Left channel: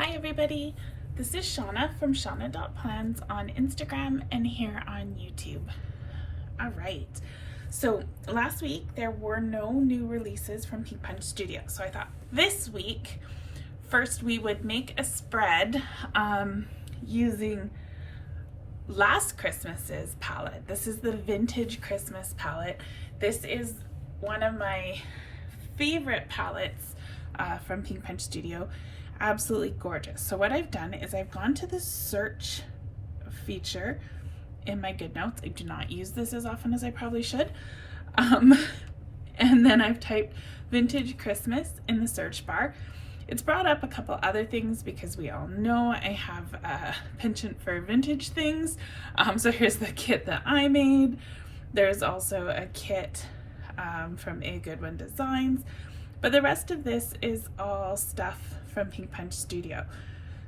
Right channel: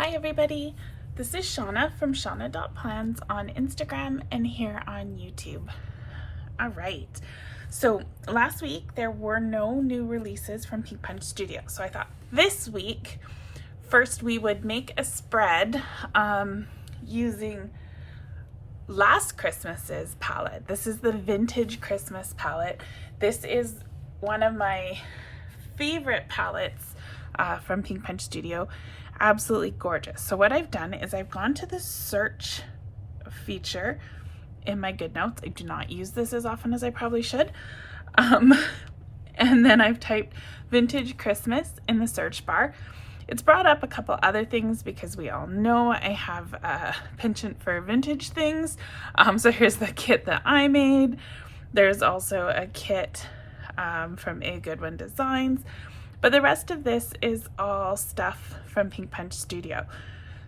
Hi everybody, this is Shauna from shauna.plans on Instagram and here on YouTube. All right, so last week there were no new releases from Pink Punch Studio, so I thought this week first we would make a spread using last Christmas's palette. This is the Vintage Christmas palette. This is one of my favorite palettes from Pink Punch Studio. Absolutely gorgeous. So what I've done is I've gone to the search feature in my Goodnotes. I do not use this as often as I probably should. And then I've typed Vintage Christmas in the search bar. It's brought up a couple other things because we all know I have a penchant for vintage things. So here's the kit that I made. There's also a kit from A Good One Designs. But the rest of this is all stuff from Pink Punch Studio.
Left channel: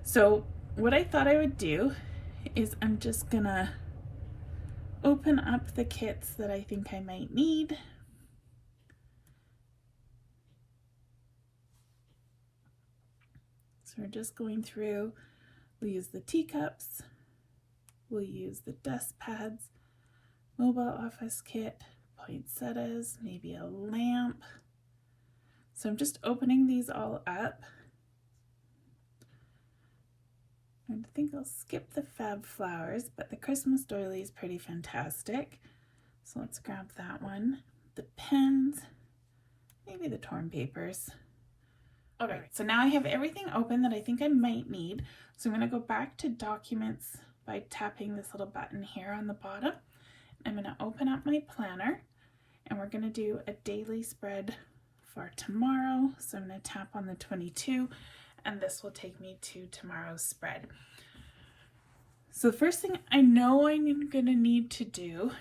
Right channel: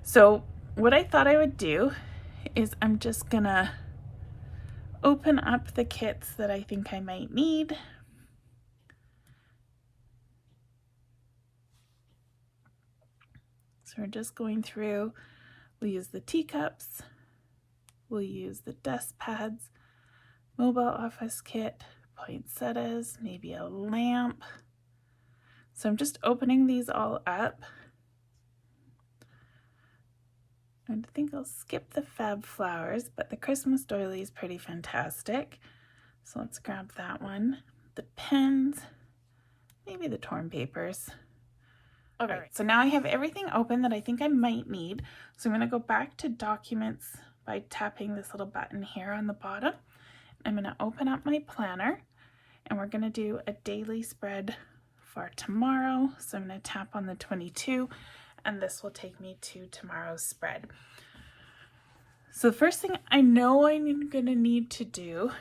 So what I thought I would do is I'm just gonna open up the kits that I think I might need. So we're just going through, we'll use the teacups, we'll use the desk pads, mobile office kit, poinsettias, maybe a lamp. So I'm just opening these all up. I think I'll skip the fab flowers, but the Christmas doily is pretty fantastic. So let's grab that one. The pens, maybe the torn papers. Okay, right, so now I have everything open that I think I might need. So I'm going to go back to documents by tapping this little button here on the bottom. I'm going to open up my planner and we're going to do a daily spread for tomorrow. So I'm going to tap on the 22 and this will take me to tomorrow's spread. So the first thing I know I'm going to need to do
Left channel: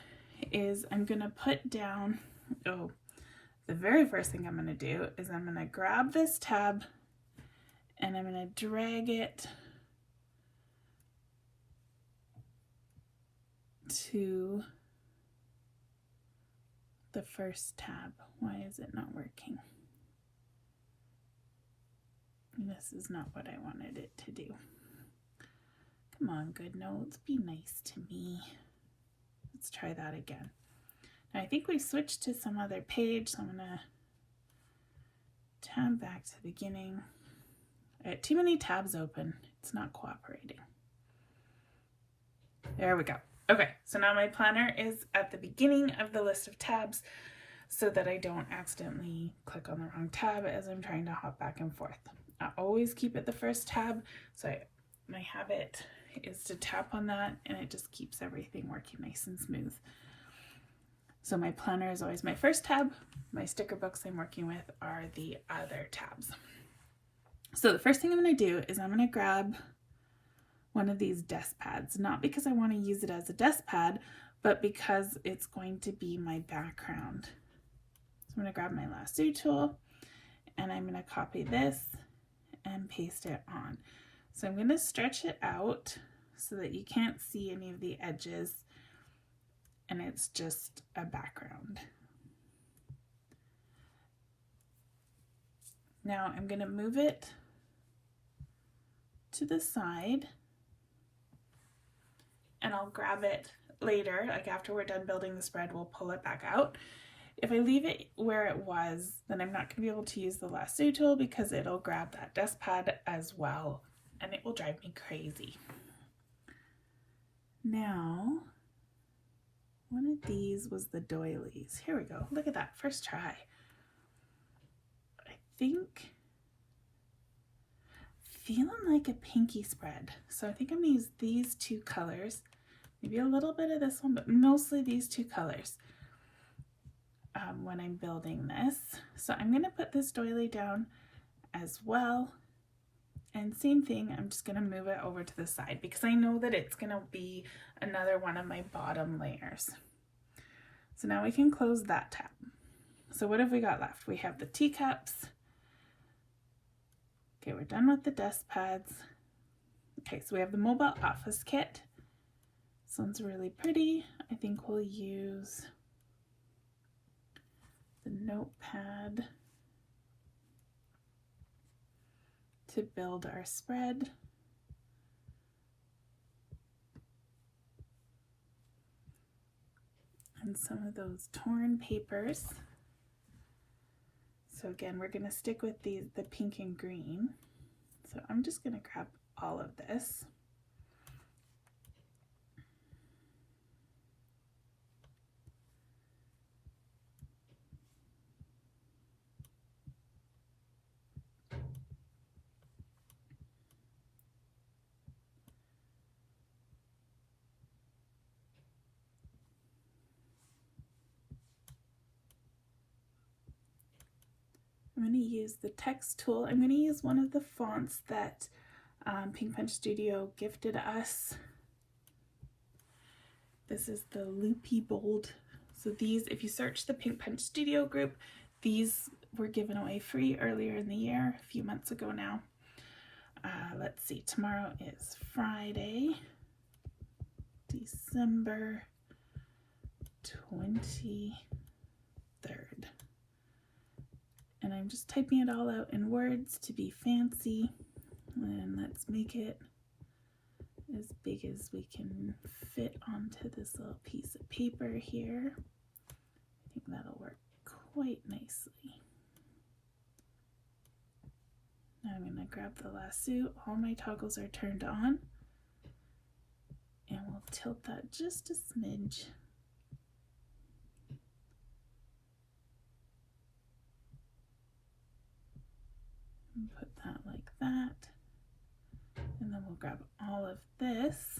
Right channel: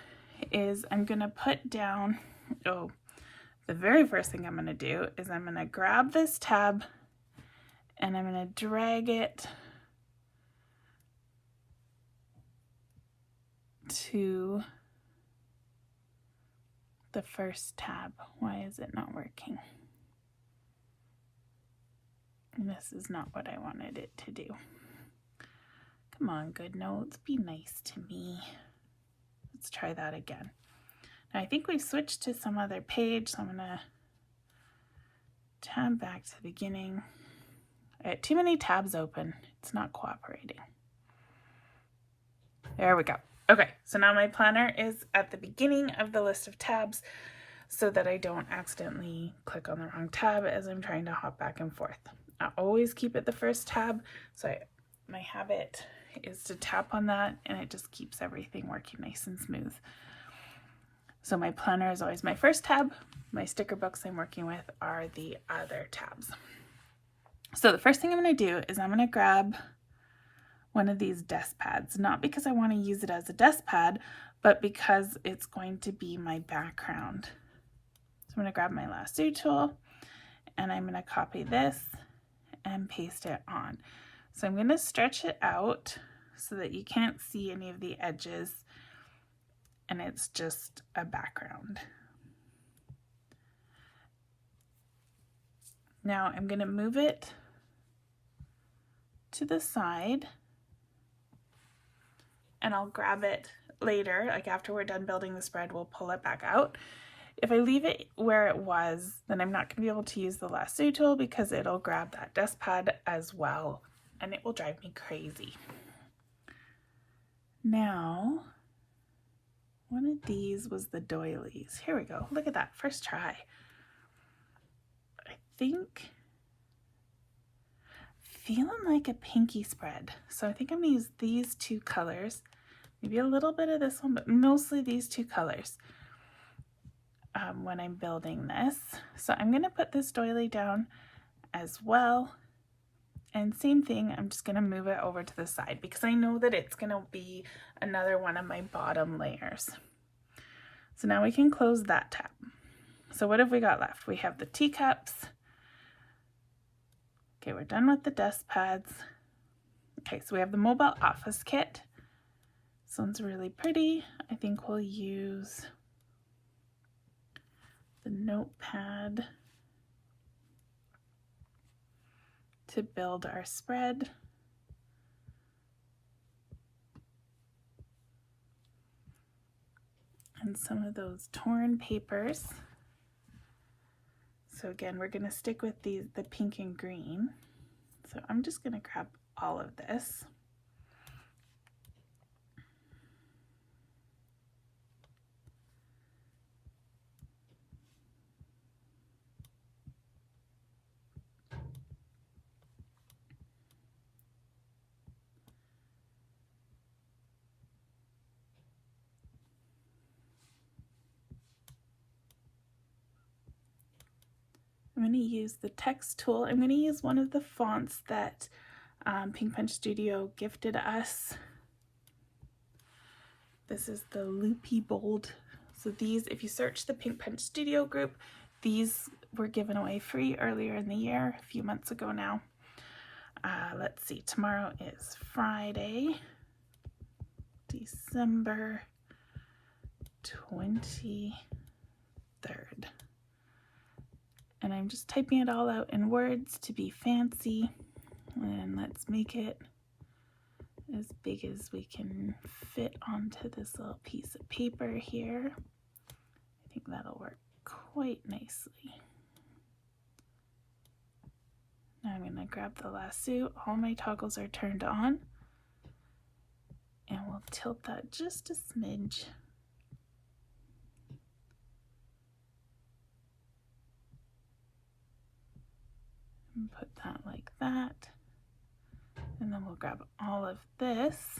is I'm going to put down, the very first thing I'm going to do is I'm going to grab this tab and I'm going to drag it to the first tab. Why is it not working? This is not what I wanted it to do. Come on, Goodnotes, be nice to me. Let's try that again. Now I think we've switched to some other page, so I'm gonna tab back to the beginning. I had too many tabs open. It's not cooperating. There we go. Okay, so now my planner is at the beginning of the list of tabs so that I don't accidentally click on the wrong tab as I'm trying to hop back and forth. I always keep it the first tab, so my habit is to tap on that and it just keeps everything working nice and smooth. So my planner is always my first tab. My sticker books I'm working with are the other tabs. So the first thing I'm going to do is I'm going to grab one of these desk pads, not because I want to use it as a desk pad, but because it's going to be my background. So I'm going to grab my lasso tool and I'm going to copy this and paste it on. So I'm going to stretch it out so that you can't see any of the edges and it's just a background. Now I'm going to move it to the side and I'll grab it later, like after we're done building the spread, we'll pull it back out. If I leave it where it was, then I'm not going to be able to use the lasso tool because it'll grab that desk pad as well and it will drive me crazy. Now, one of these was the doilies. Here we go. Look at that. First try. I think feeling like a pinky spread. So I think I'm going to use these two colors. Maybe a little bit of this one, but mostly these two colors when I'm building this. So I'm going to put this doily down as well. And same thing, I'm just going to move it over to the side because I know that it's going to be another one of my bottom layers. So now we can close that tab. So what have we got left? We have the teacups. Okay, we're done with the desk pads. Okay, so we have the mobile office kit. This one's really pretty. I think we'll use the notepad to build our spread. And some of those torn papers. So again, we're going to stick with the pink and green. So I'm just going to grab all of this. I'm going to use the text tool. I'm going to use one of the fonts that Pink Punch Studio gifted us. This is the Loopy Bold. So these, if you search the Pink Punch Studio group, these were given away free earlier in the year, a few months ago now. Let's see, tomorrow is Friday, December 23rd. And I'm just typing it all out in words to be fancy. And let's make it as big as we can fit onto this little piece of paper here. I think that'll work quite nicely. Now I'm going to grab the lasso. All my toggles are turned on. And we'll tilt that just a smidge. And put that like that. And then we'll grab all of this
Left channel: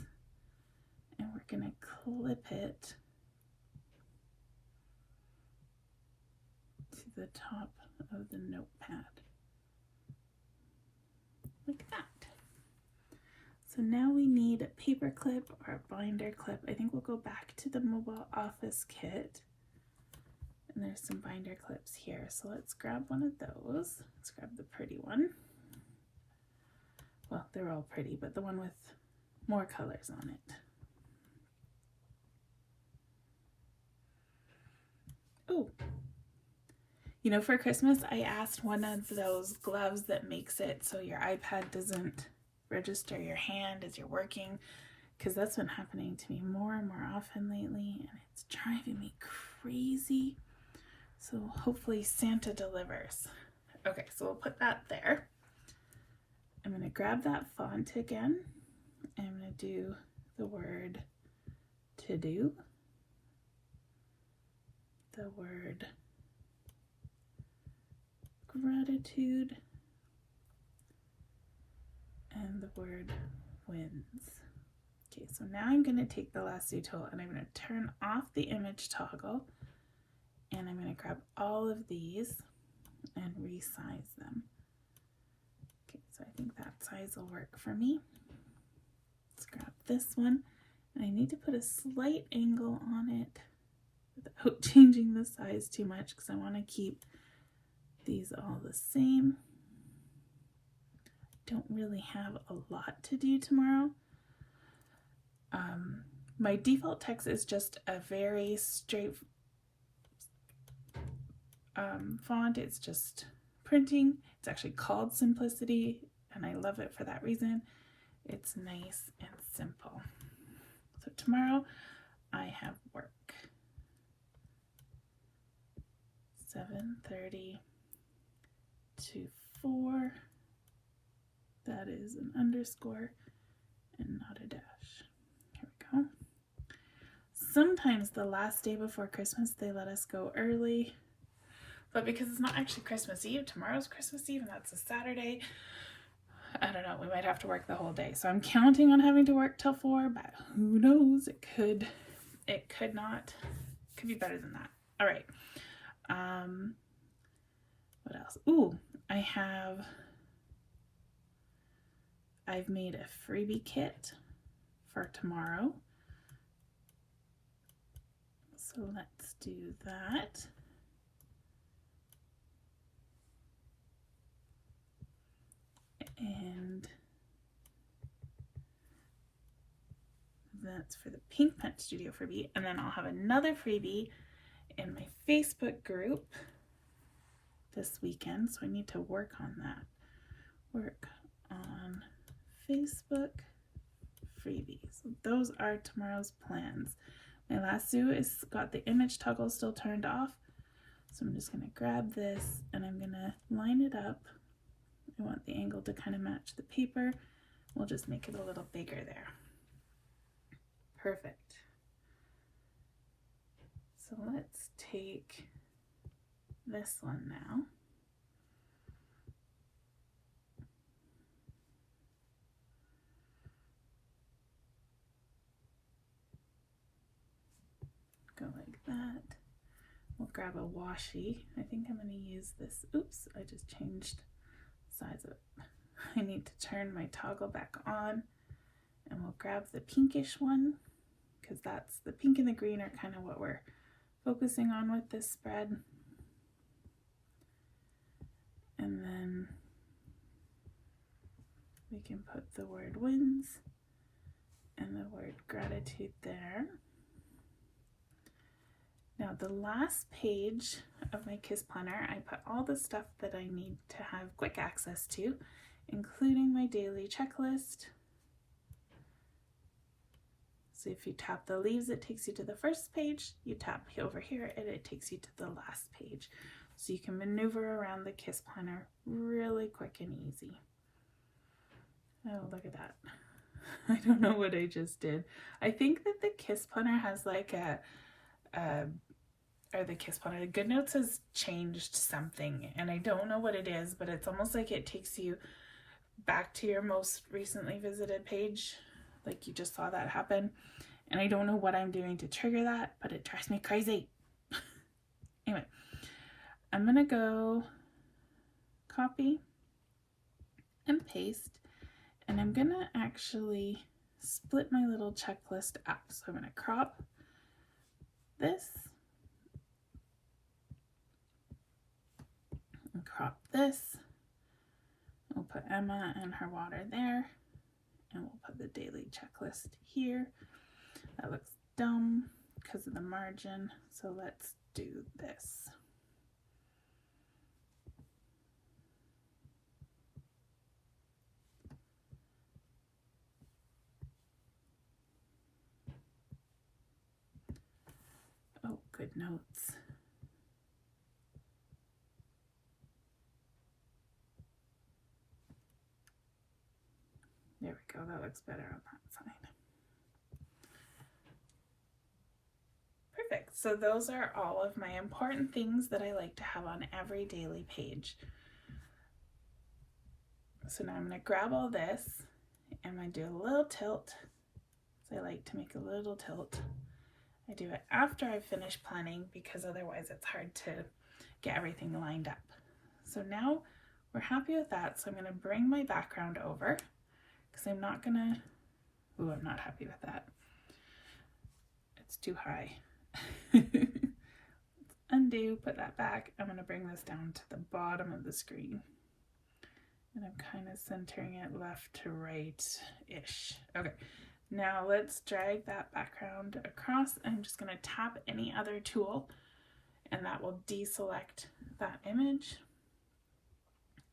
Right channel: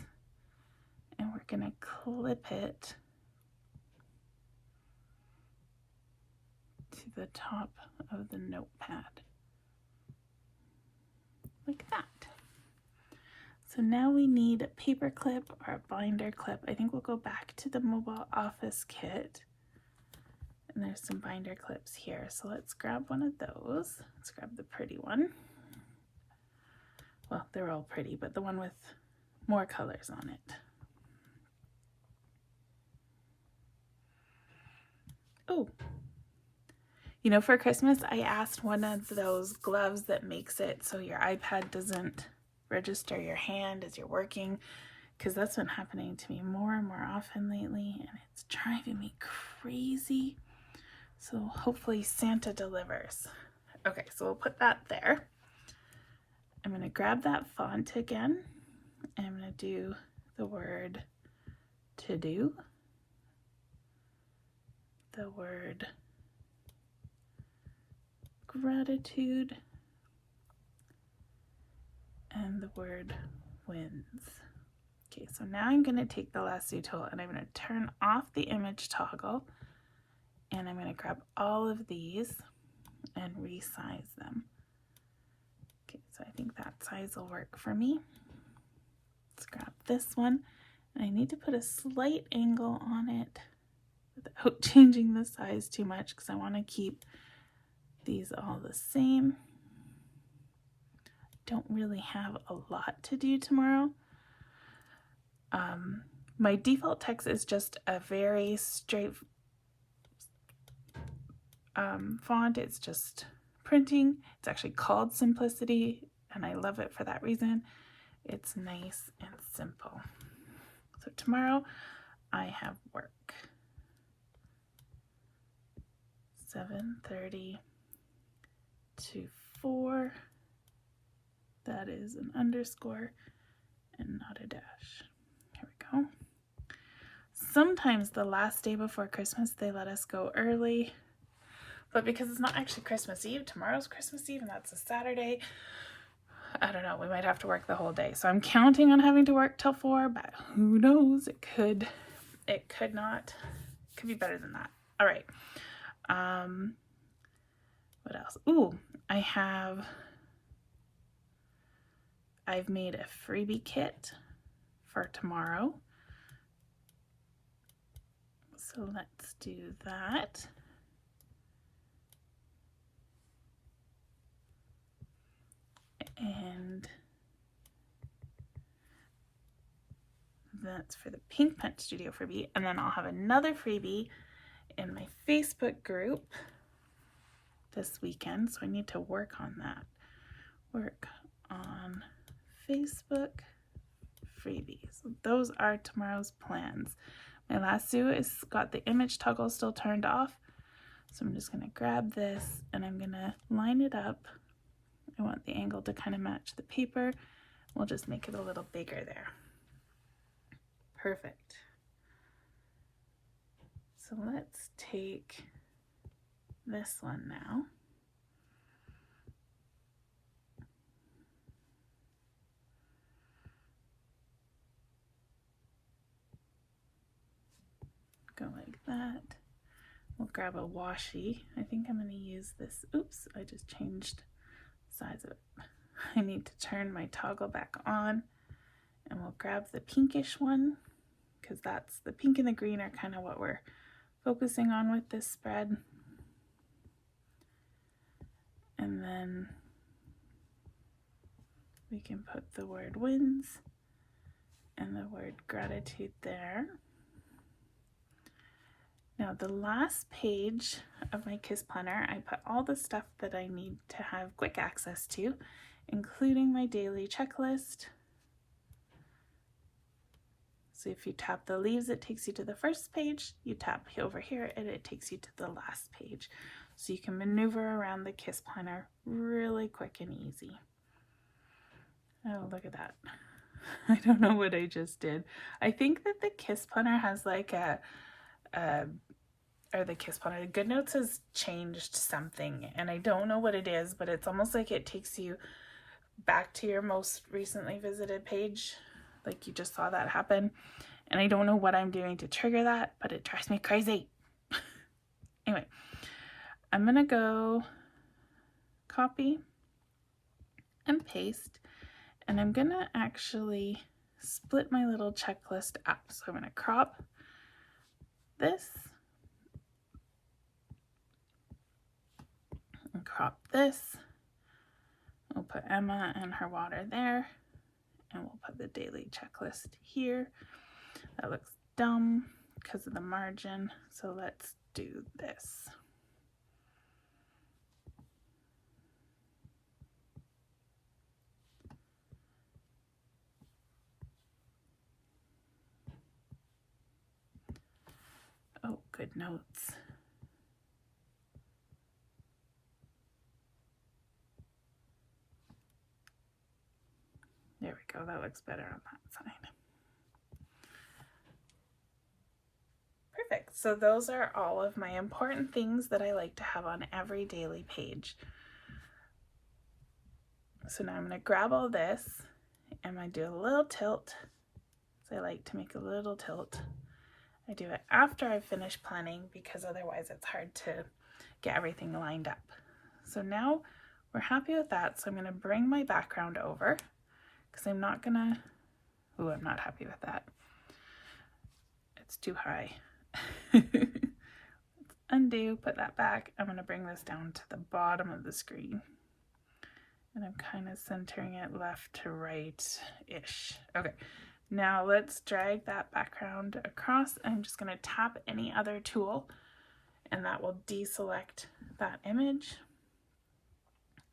and we're going to clip it to the top of the notepad. Like that. So now we need a paper clip or a binder clip. I think we'll go back to the mobile office kit. And there's some binder clips here. So let's grab one of those. Let's grab the pretty one. Well, they're all pretty, but the one with more colors on it. Oh, you know, for Christmas, I asked one of those gloves that makes it so your iPad doesn't register your hand as you're working, because that's been happening to me more and more often lately, and it's driving me crazy. So hopefully Santa delivers. Okay, so we'll put that there. I'm going to grab that font again, and I'm going to do the word to do, the word gratitude, and the word wins. Okay, so now I'm going to take the lasso tool and I'm going to turn off the image toggle, and I'm going to grab all of these and resize them. Okay, so I think that size will work for me. Let's grab this one, and I need to put a slight angle on it without changing the size too much because I want to keep these all the same. Don't really have a lot to do tomorrow. My default text is just a very straight font. It's just printing. It's actually called Simplicity, and I love it for that reason. It's nice and simple. So tomorrow I have work. 7:30 to 4. That is an underscore and not a dash. Here we go. Sometimes the last day before Christmas they let us go early, but because it's not actually Christmas Eve, tomorrow's Christmas Eve and that's a Saturday, I don't know, we might have to work the whole day. So I'm counting on having to work till 4, but who knows, it could not, could be better than that. All right. What else? Ooh, I've made a freebie kit for tomorrow. So let's do that. And that's for the Pink Punch Studio freebie. And then I'll have another freebie in my Facebook group this weekend. So I need to work on that. Work on Facebook freebies. Those are tomorrow's plans. My lasso is got the image toggle still turned off. So I'm just going to grab this and I'm going to line it up. I want the angle to kind of match the paper. We'll just make it a little bigger there. Perfect. So let's take this one now. Go like that. We'll grab a washi. I think I'm going to use this. Oops, I just changed the size of it. I need to turn my toggle back on, and we'll grab the pinkish one because that's the pink and the green are kind of what we're focusing on with this spread. And then we can put the word wins and the word gratitude there. Now the last page of my KISS planner, I put all the stuff that I need to have quick access to, including my daily checklist. So if you tap the leaves, it takes you to the first page. You tap over here and it takes you to the last page. So you can maneuver around the KISS planner really quick and easy. Oh, look at that. I don't know what I just did. I think that the KISS planner has like the Goodnotes has changed something, and I don't know what it is, but it's almost like it takes you back to your most recently visited page, like you just saw that happen. And I don't know what I'm doing to trigger that, but it drives me crazy. Anyway, I'm gonna go copy and paste, and I'm gonna actually split my little checklist up. So I'm gonna crop this and crop this. We'll put Emma and her water there, and we'll put the daily checklist here. That looks dumb because of the margin, so let's do this. Oh, Goodnotes. There we go, that looks better on that side. Perfect, so those are all of my important things that I like to have on every daily page. So now I'm going to grab all this, and I'm going to do a little tilt. So I like to make a little tilt. I do it after I've finished planning because otherwise it's hard to get everything lined up. So now we're happy with that, so I'm going to bring my background over because I'm not going to, ooh, I'm not happy with that. It's too high. Undo, put that back. I'm going to bring this down to the bottom of the screen. And I'm kind of centering it left to right-ish. Okay, now let's drag that background across. I'm just going to tap any other tool, and that will deselect that image.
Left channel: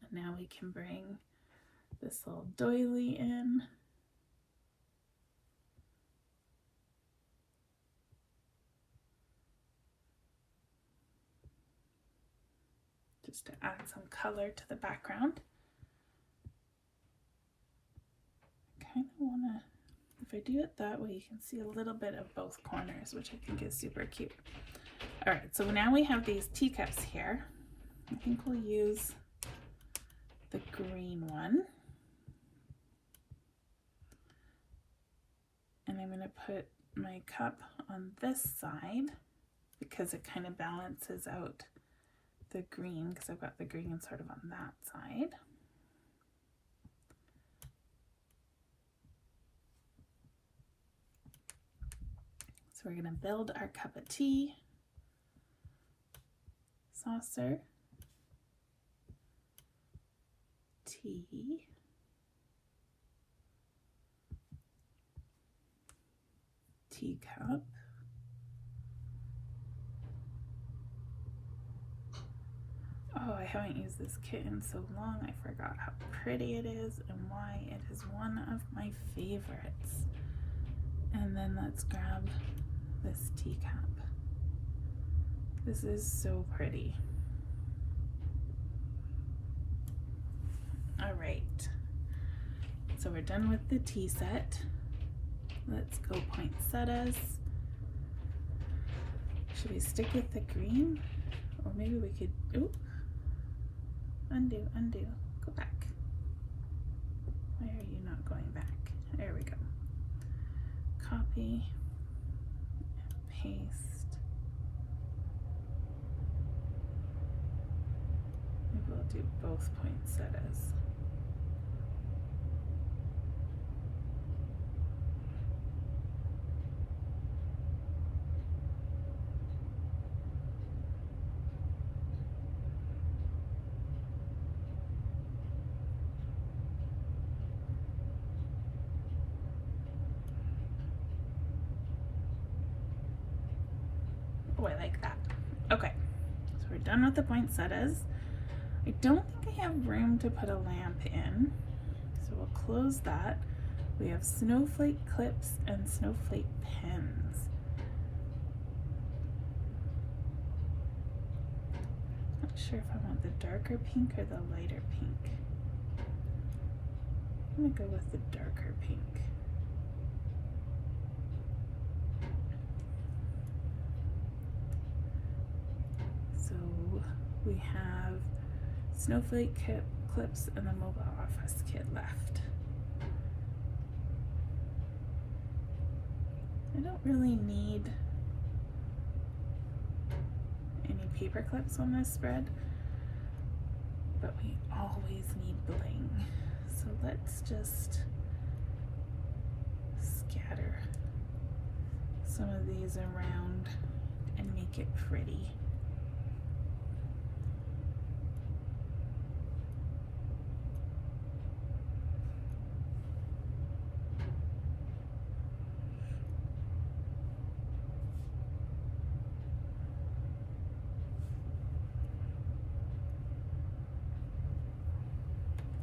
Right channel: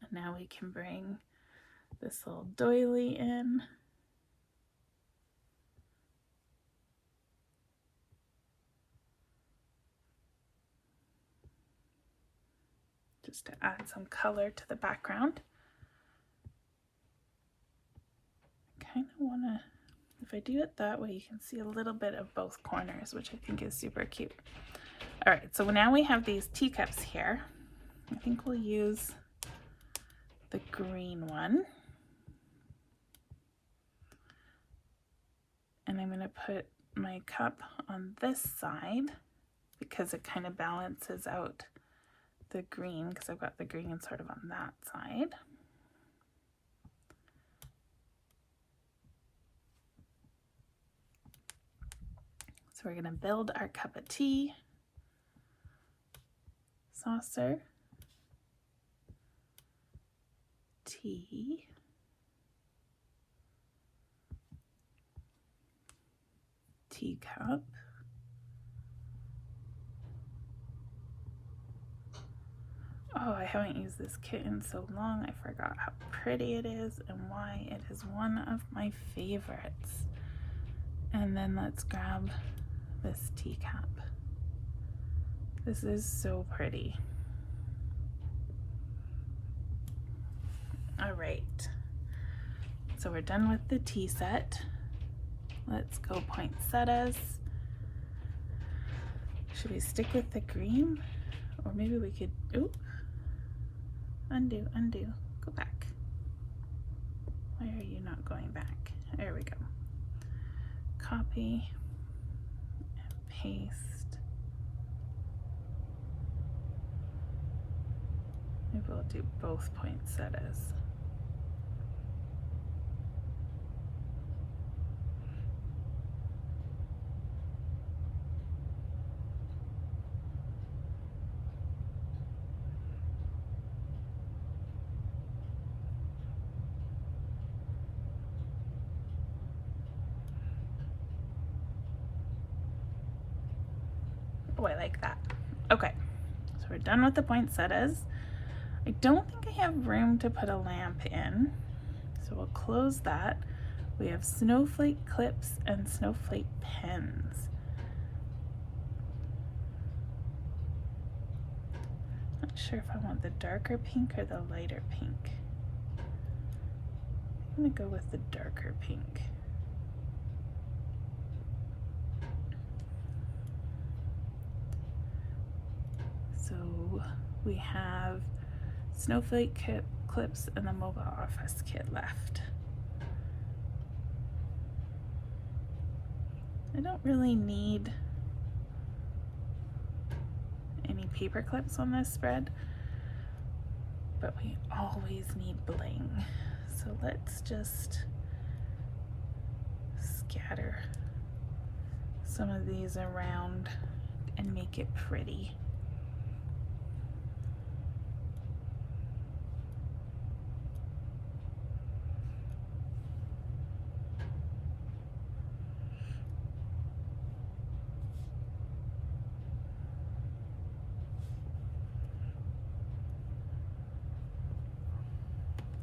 And now we can bring this little doily in. Just to add some color to the background. Kind of want to, if I do it that way, you can see a little bit of both corners, which I think is super cute. All right, so now we have these teacups here. I think we'll use the green one. And I'm going to put my cup on this side because it kind of balances out the green, because I've got the green sort of on that side. So we're going to build our cup of tea, saucer, tea, teacup, Oh, I haven't used this kit in so long. I forgot how pretty it is and why it is one of my favorites. And then let's grab this teacup. This is so pretty. All right, so we're done with the tea set. Let's go poinsettias. Should we stick with the green? Or maybe we could, ooh, undo, go back. Why are you not going back? There we go. Copy and paste. Maybe we'll do both poinsettias. Oh, I like that. Okay, so we're done with the poinsettias. I don't think I have room to put a lamp in, so we'll close that. We have snowflake clips and snowflake pens. Not sure if I want the darker pink or the lighter pink. I'm gonna go with the darker pink. So we have snowflake clips and the mobile office kit left. I don't really need any paper clips on this spread, but we always need bling. So let's just scatter some of these around and make it pretty.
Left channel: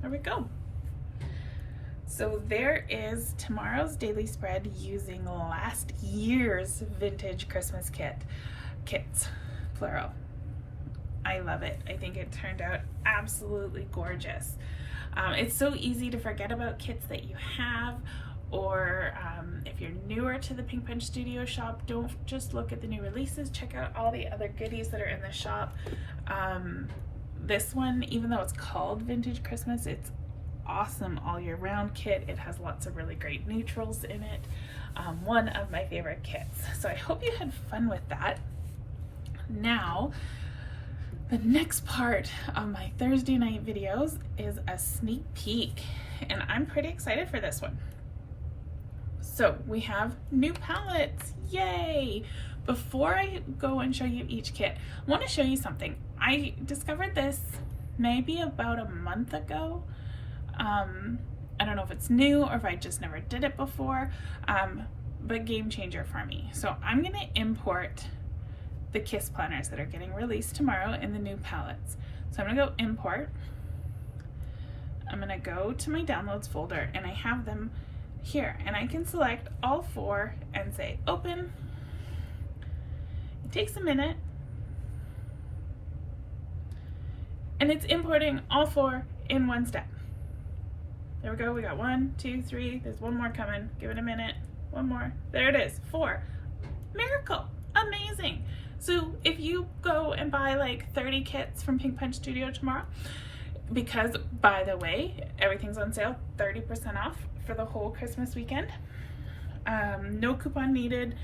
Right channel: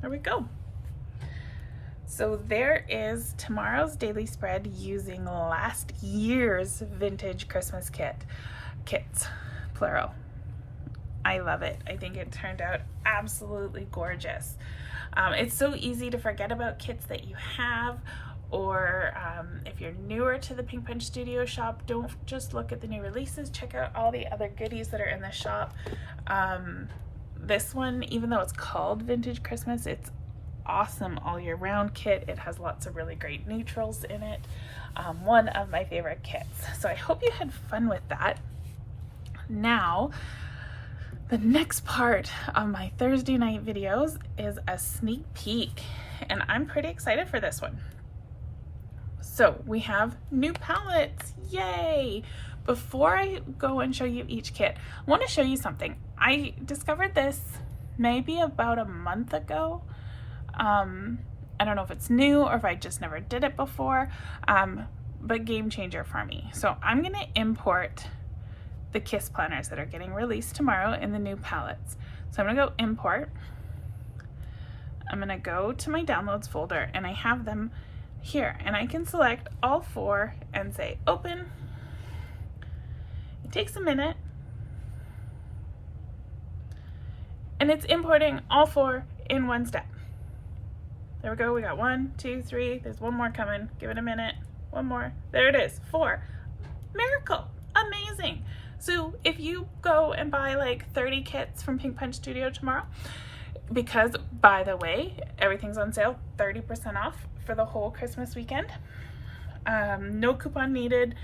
There we go. So there is tomorrow's daily spread using last year's vintage Christmas kits, plural. I love it. I think it turned out absolutely gorgeous. It's so easy to forget about kits that you have, or if you're newer to the Pink Punch Studio shop, don't just look at the new releases, check out all the other goodies that are in the shop. This one, even though it's called Vintage Christmas, it's awesome all year round kit. It has lots of really great neutrals in it. One of my favorite kits. So I hope you had fun with that. Now, the next part of my Thursday night videos is a sneak peek, and I'm pretty excited for this one. So we have new palettes, yay! Before I go and show you each kit, I want to show you something. I discovered this maybe about a month ago. I don't know if it's new or if I just never did it before, but game changer for me. So I'm going to import the Kiss planners that are getting released tomorrow in the new palettes. So I'm going to go import. I'm going to go to my downloads folder, and I have them here, and I can select all 4 and say open. It takes a minute, and it's importing all 4 in one step. There we go. We got 1, 2, 3. There's one more coming. Give it a minute. One more. There it is. 4. Miracle. Amazing. So if you go and buy like 30 kits from Pink Punch Studio tomorrow, because by the way, everything's on sale, 30% off for the whole Christmas weekend. No coupon needed.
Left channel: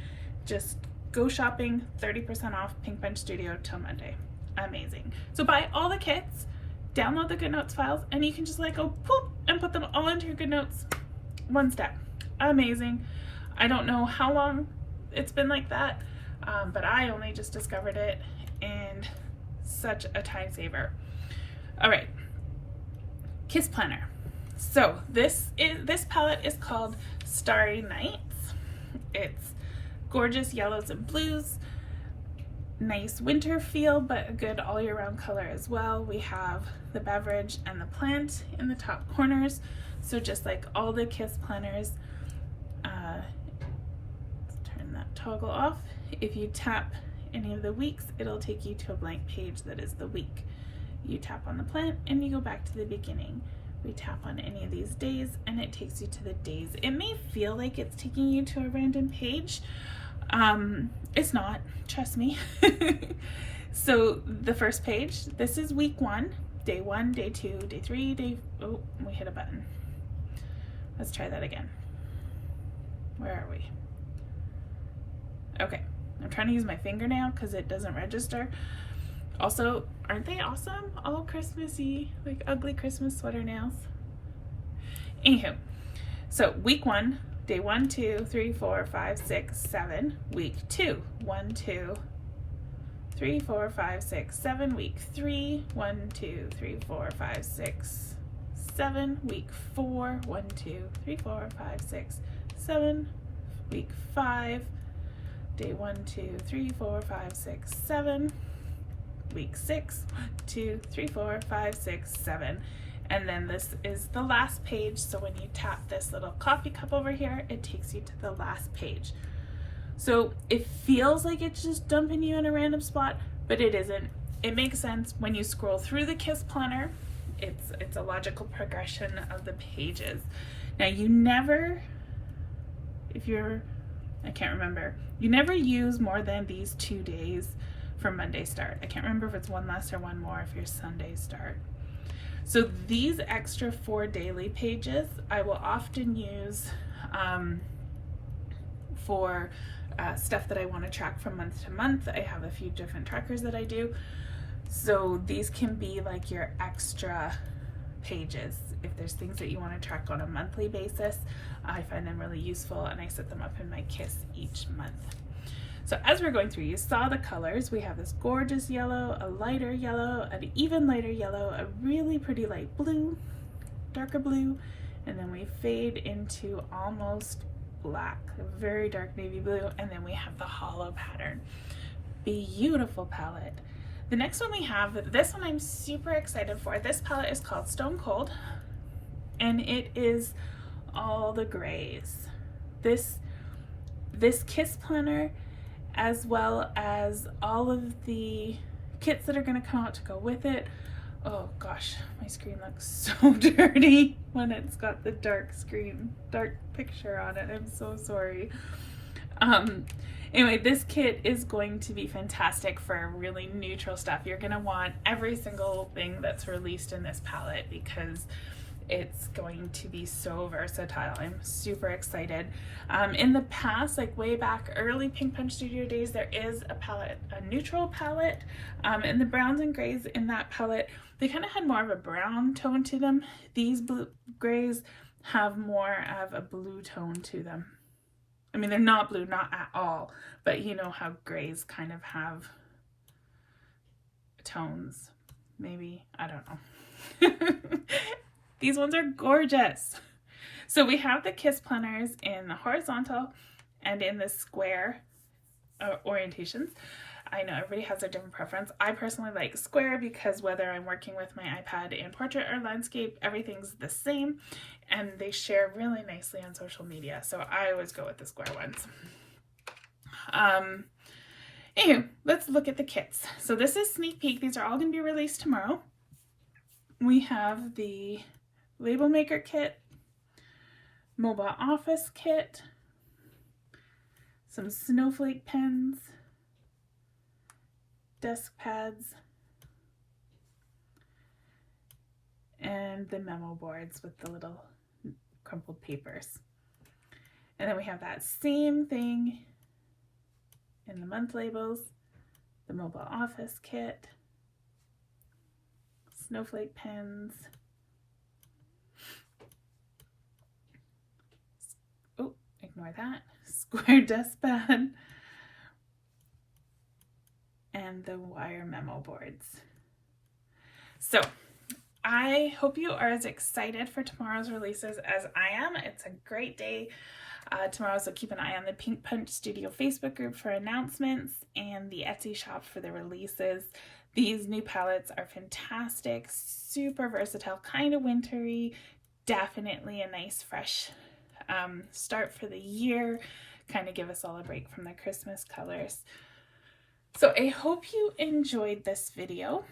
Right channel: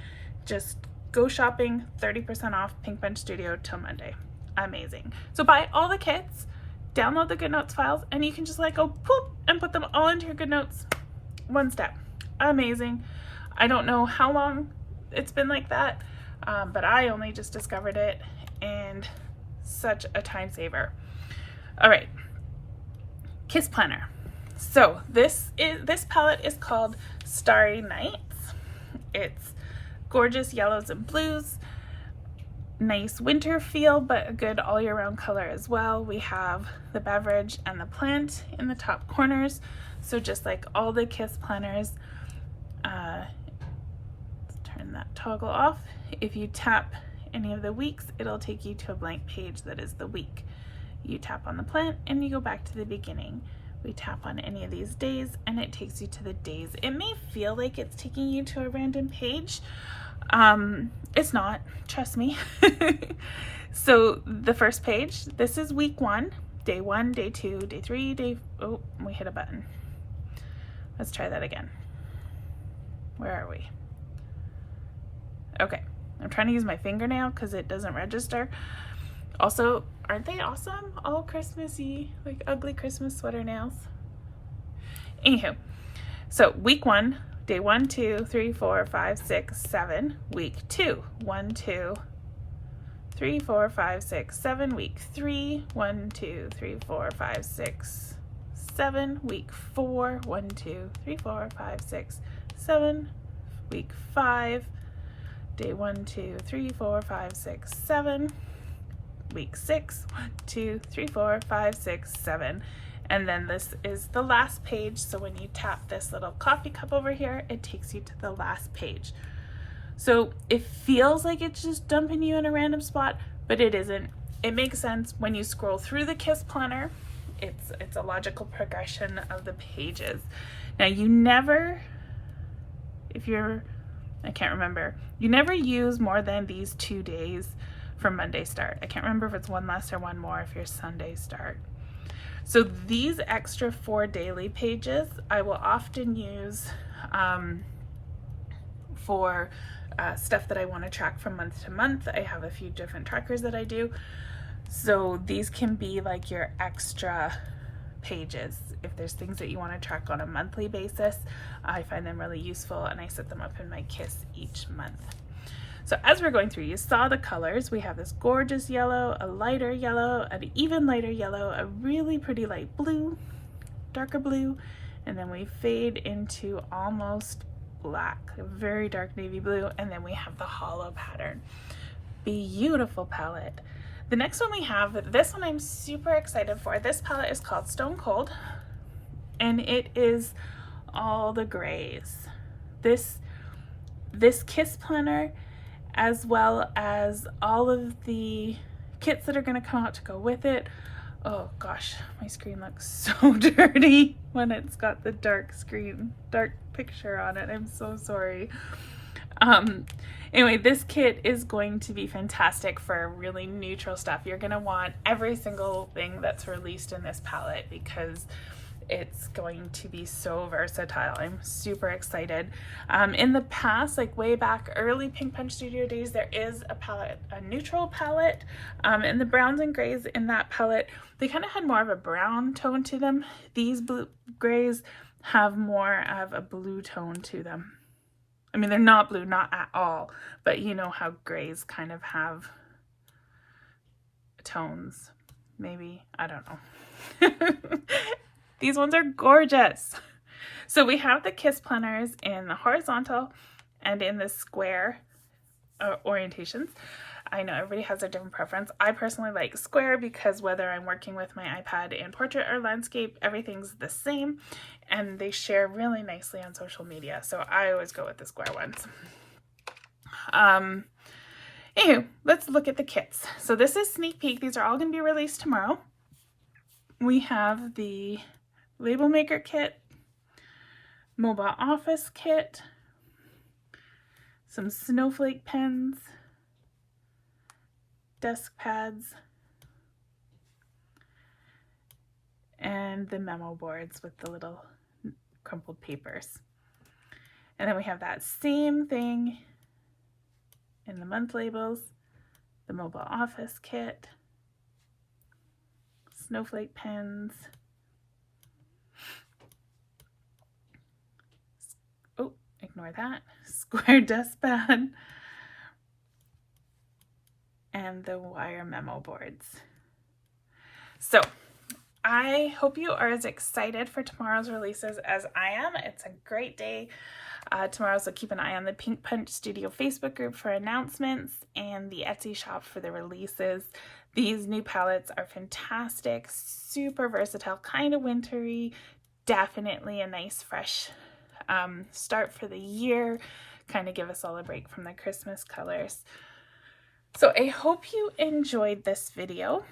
Just go shopping, 30% off Pink Punch Studio till Monday. Amazing. So buy all the kits, download the Goodnotes files, and you can just like go poop and put them all into your Goodnotes. One step. Amazing. I don't know how long it's been like that, but I only just discovered it, and such a time saver. All right, Kiss Planner. So this palette is called Starry Nights. It's gorgeous yellows and blues. nice winter feel, but a good all year round color as well. We have the beverage and the plant in the top corners. So just like all the KISS planners, let's turn that toggle off. If you tap any of the weeks, it'll take you to a blank page that is the week. You tap on the plant and you go back to the beginning. We tap on any of these days and it takes you to the days. It may feel like it's taking you to a random page. It's not, trust me. So the first page, this is week 1, day 1, day 2, day 3, oh, we hit a button. Let's try that again. Where are we? Okay, I'm trying to use my fingernail because it doesn't register. Also, aren't they awesome? All Christmassy, like ugly Christmas sweater nails. Anywho, so week 1, day 1, 2, 3, 4, 5, 6, 7. Week 2, 1, 2, 3, 4, 5, 6, 7. Week 3, 1, 2, 3, 4, 5, 6, 7. Week 4, 1, 2, 3, 4, 5, 6, 7. Week 5, day 1, 2, 3, 4, 5, 6, 7. Week 6, 1, 2, 3, 4, 5, 6, 7. And then this is the last page. So when you tap this little coffee cup over here, it takes you to the last page. So it feels like it's just dumping you in a random spot, but it isn't. It makes sense when you scroll through the KISS planner. It's a logical progression of the pages. Now you never, I can't remember, you never use more than these 2 days for Monday start. I can't remember if it's one less or one more if you're Sunday start. So these extra 4 daily pages I will often use for stuff that I want to track from month to month. I have a few different trackers that I do. So these can be like your extra pages. If there's things that you want to track on a monthly basis, I find them really useful and I set them up in my KISS each month. So as we're going through, you saw the colors. We have this gorgeous yellow, a lighter yellow, an even lighter yellow, a really pretty light blue, darker blue, and then we fade into almost black, a very dark navy blue, and then we have the hollow pattern. Beautiful palette. The next one we have, this one I'm super excited for. This palette is called Stone Cold, and it is all the grays. This KISS planner, as well as all of the kits that are going to come out to go with it. Oh gosh, my screen looks so dirty when it's got the dark picture on it. I'm so sorry. Anyway, this kit is going to be fantastic for really neutral stuff. You're going to want every single thing that's released in this palette because it's going to be so versatile. I'm super excited. In the past, like way back early Pink Punch Studio days, there is a palette, a neutral palette, and the browns and grays in that palette, they kind of had more of a brown tone to them. These blue grays have more of a blue tone to them. I mean, they're not blue, not at all, but you know how grays kind of have tones, maybe, I don't know. These ones are gorgeous. So we have the KISS planners in the horizontal and in the square orientations. I know everybody has a different preference. I personally like square because whether I'm working with my iPad in portrait or landscape, everything's the same and they share really nicely on social media. So I always go with the square ones. Anywho, let's look at the kits. So this is sneak peek. These are all going to be released tomorrow. We have the label maker kit, mobile office kit, some snowflake pens, desk pads, and the memo boards with the little crumpled papers. And then we have that same thing in the month labels, the mobile office kit, snowflake pens, oh, ignore that, square desk pad, and the wire memo boards. So I hope you are as excited for tomorrow's releases as I am. It's a great day. tomorrow, so keep an eye on the Pink Punch Studio Facebook group for announcements and the Etsy shop for the releases. These new palettes are fantastic, super versatile, kind of wintry, definitely a nice fresh start for the year, kind of give us all a break from the Christmas colors. So I hope you enjoyed this video.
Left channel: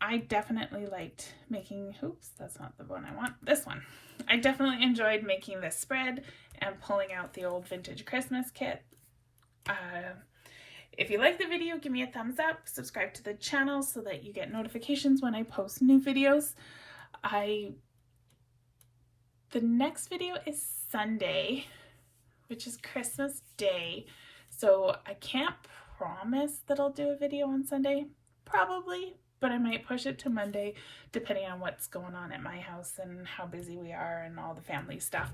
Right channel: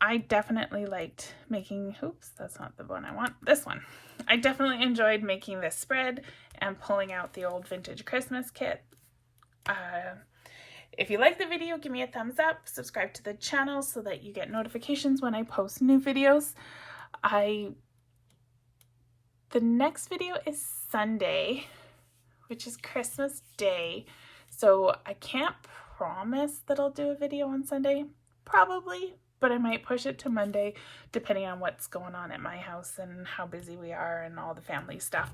I definitely liked making, oops, that's not the one I want, this one. I definitely enjoyed making this spread and pulling out the old vintage Christmas kit. If you like the video, give me a thumbs up, subscribe to the channel so that you get notifications when I post new videos. The next video is Sunday, which is Christmas Day, so I can't promise that I'll do a video on Sunday, probably, but I might push it to Monday depending on what's going on at my house and how busy we are and all the family stuff.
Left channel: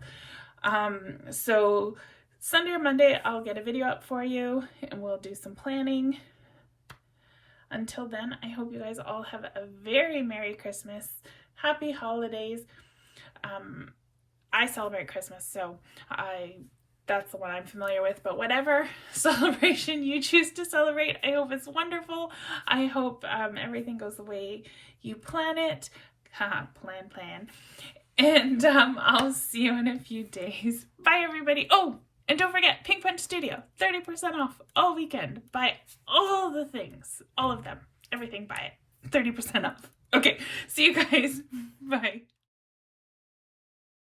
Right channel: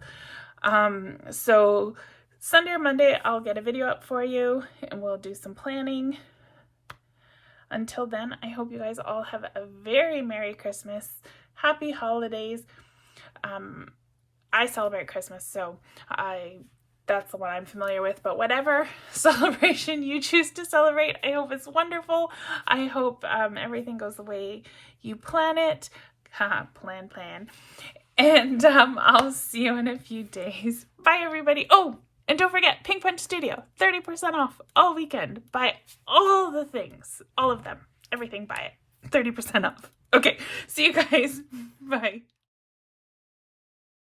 So Sunday or Monday I'll get a video up for you and we'll do some planning. Until then, I hope you guys all have a very Merry Christmas, Happy Holidays. I celebrate Christmas, so that's the one I'm familiar with, but whatever celebration you choose to celebrate, I hope it's wonderful. I hope everything goes the way you plan it. Plan. And I'll see you in a few days. Bye, everybody. Oh, and don't forget, Pink Punch Studio, 30% off all weekend. Buy all the things, all of them, everything, buy it. 30% off. Okay, see you guys. Bye.